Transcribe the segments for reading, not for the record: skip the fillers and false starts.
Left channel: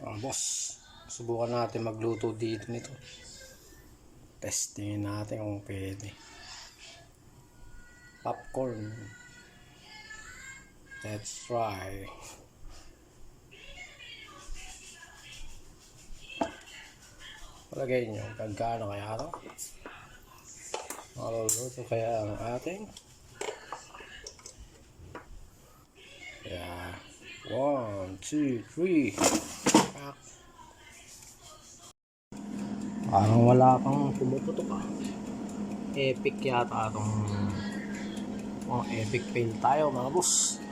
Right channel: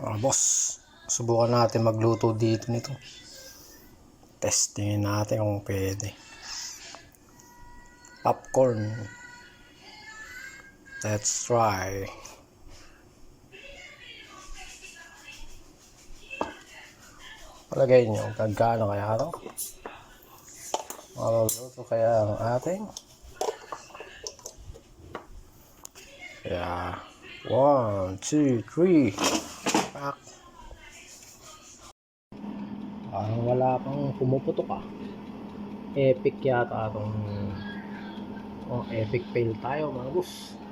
Boss, subukan natin magluto dito nito. Testingin natin kung pwede. Popcorn. Let's try. Palagay nyo, kagkano kaya ito? Maluluto kaya ang ating? Kaya, 1, 2, 3. Pak. Parang wala pang pumuputok Epic yata itong epic fail tayo mga boss.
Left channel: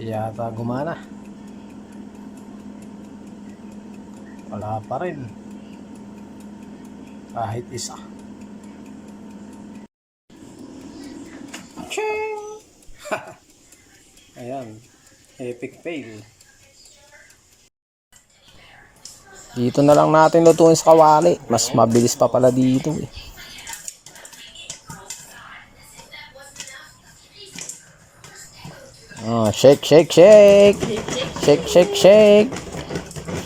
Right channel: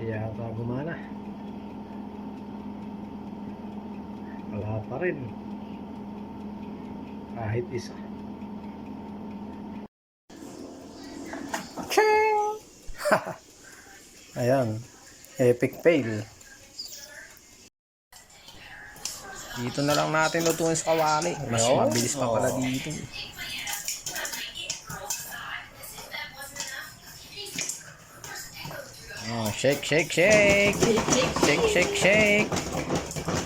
Yata gumana. Wala pa rin. Kahit isa. Ching! Ayan. Epic fail. Dito na lang natin lutuin sa kawali. Mas mabilis pa pala dito shake, shake, shake. Shake, shake, shake.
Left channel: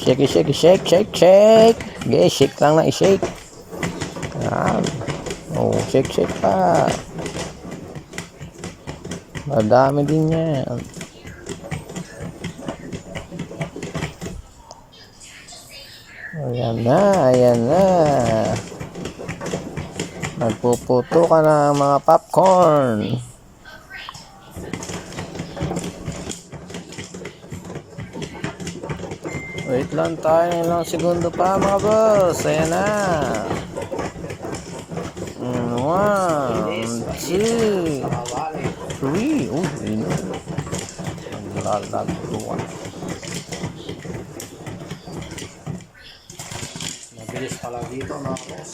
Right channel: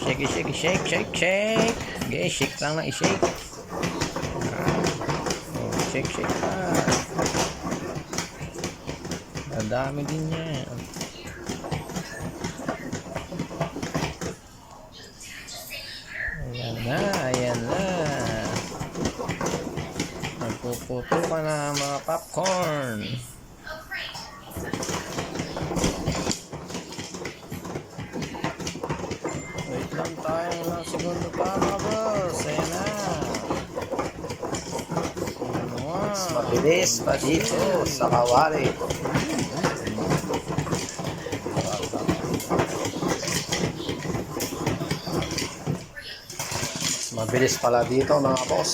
Shake, shake, shake, shake, shake. Okay, shake lang na i-shake. Shake, shake pa. Madami din yan. Ayan na, ayan na. Nagpuputo ka na mga popcorn. Wait lang tayo, ilang segundo pa mga boss. Ayan na. 1, 2, sa kawali. 3. Mabilis pala dito mga boss.